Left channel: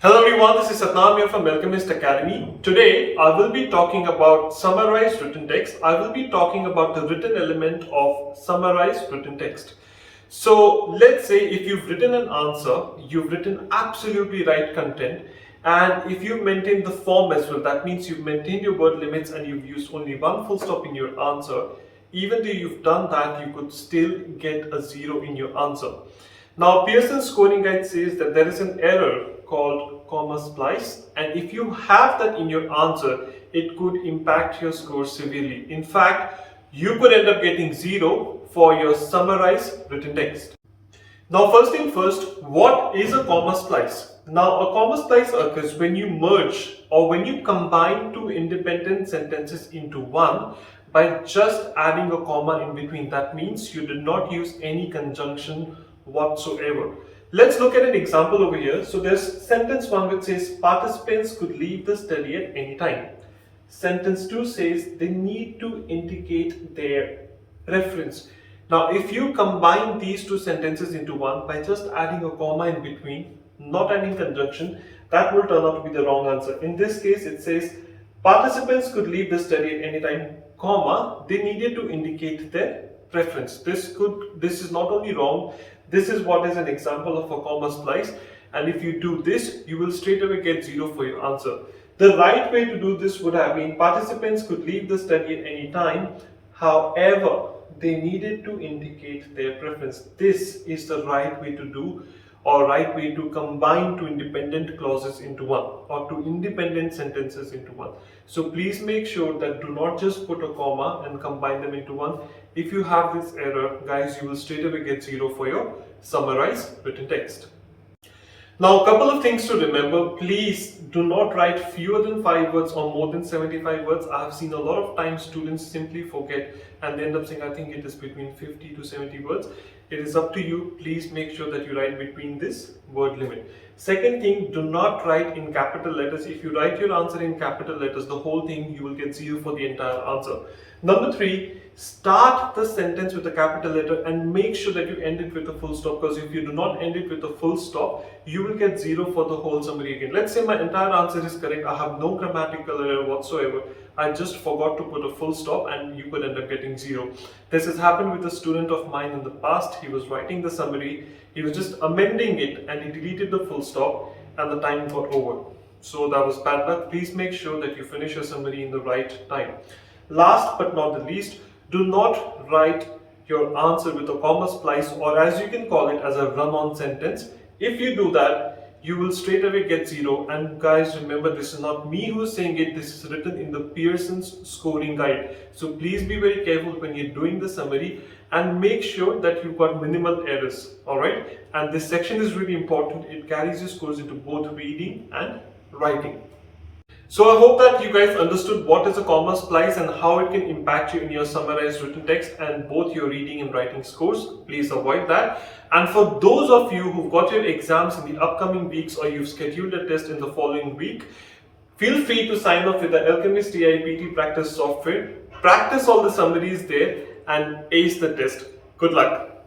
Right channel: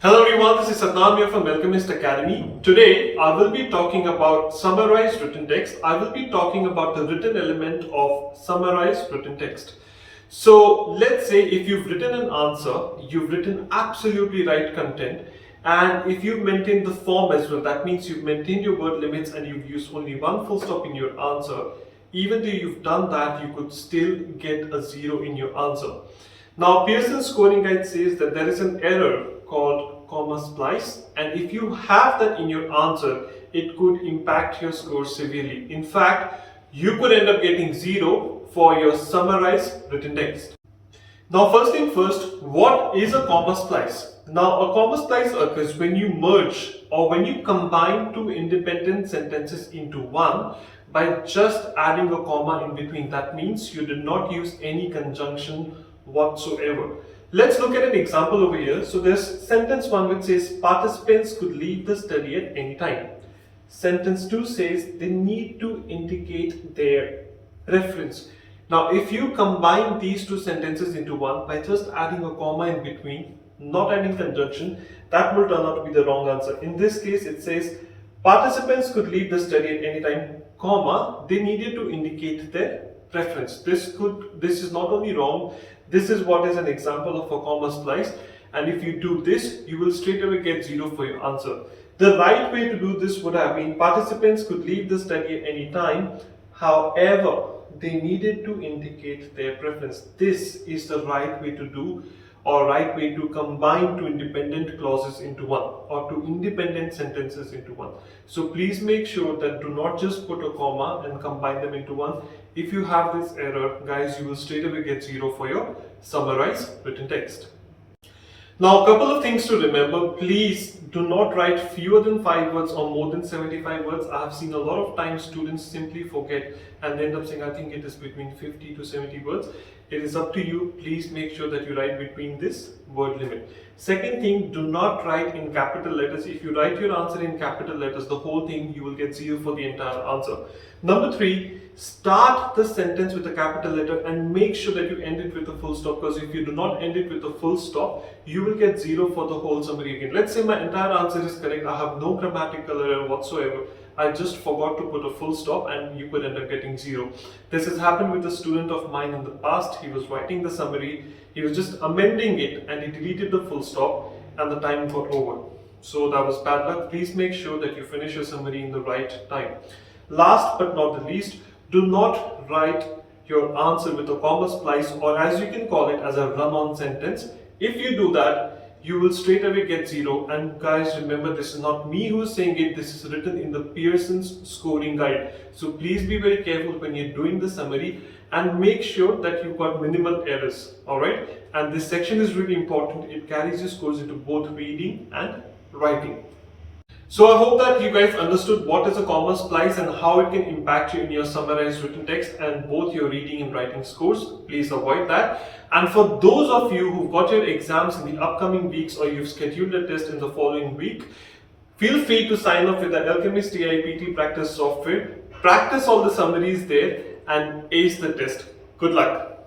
Hello everyone, this is Satnaam here from Alchemist Academy. Today I will be talking about summarized written text. I will be talking about the written element of summarized written text. So let's say if you've written an answer, you've written absolutely right content, and if you've maintained the form as well, that means you've maintained your word limits and you've used only one full stop in your answer. Even though you've done that, you could still get a 0 in your answer. Now, Pearson's scoring guide says that there is an error called comma splice, and if you have that in your answer, it could impact your score severely. In fact, you could end up getting 0 for your summarized written text. Now, first thing first, what is a comma splice? Now, a comma splice occurs when you merge or when you combine two independent sentences into one by just adding a comma in between. That means you did not use any conjunction whatsoever. Let's look at an example over here. So there's sentence 1 which says participants could leave the study at any time. Sentence 2 says they need to indicate their preference. Now if you combine these two sentences into one by just adding a comma in between, not adding conjunction, that will turn out to be the wrong answer. In this case it says participants could leave the study at any time, comma, they needed to indicate their preference. This is not only wrong, this is what is an example of a comma splice, and if you do this, you will straight away get 0 for your answer. The right way to do this would have been participants could leave the study at any time, however, they needed to indicate their preference. This is the right way to do, or right way to combine two independent clauses into one, or two independent sentences into one. So please make sure that do not just put a comma and combine them into one. If you have this error, guys, you will straight away get 0 for your summarized written text. Now, a couple of things to remember. Please do not write fewer than 5 words or more than 75 words. I have seen a lot of times students simply forget and they end up saying, I think it is between 50 to 70 words. It is up to you. Please make sure that you write between this word limit. Second thing, do not write in capital letters. If you write your answer in capital letters, the whole thing, you will get 0 for the entire answer. Number 3, start the sentence with a capital letter and make sure that you end it with a full stop, because if you do not end it with a full stop, you will get 0 for the whole summary again. Let's say my entire answer is correct, I have no grammatical error whatsoever, I just forgot to put a full stop and you could end up getting 0. This has happened with a student of mine in the past. He was writing the summary, he was just amending it and he deleted the full stop and the time got over. So that was bad luck. Please make sure that you finish your summary in the right time. Last but not the least, do not write your answer with a comma splice, or as you can call it, as a run-on sentence. If you do that, you will straight away get 0. And guys, remember, this is not me who is saying it, this is written in the Pearson's scoring guide. So please be very careful when you're doing the summary and make sure that you've got minimal errors. Alright? And this section is really important. It carries your scores into both reading and writing. So I hope that you guys understood what is a comma splice and how it can impact you in your summarized written text and both your reading and writing scores. Please avoid that. And for those of you who've got your exams in the upcoming weeks or you've scheduled a test in the following week, feel free to sign up with the Alchemist 𝗖𝗹𝗹 practice software. Practice all the summaries there and ace the test. Good luck.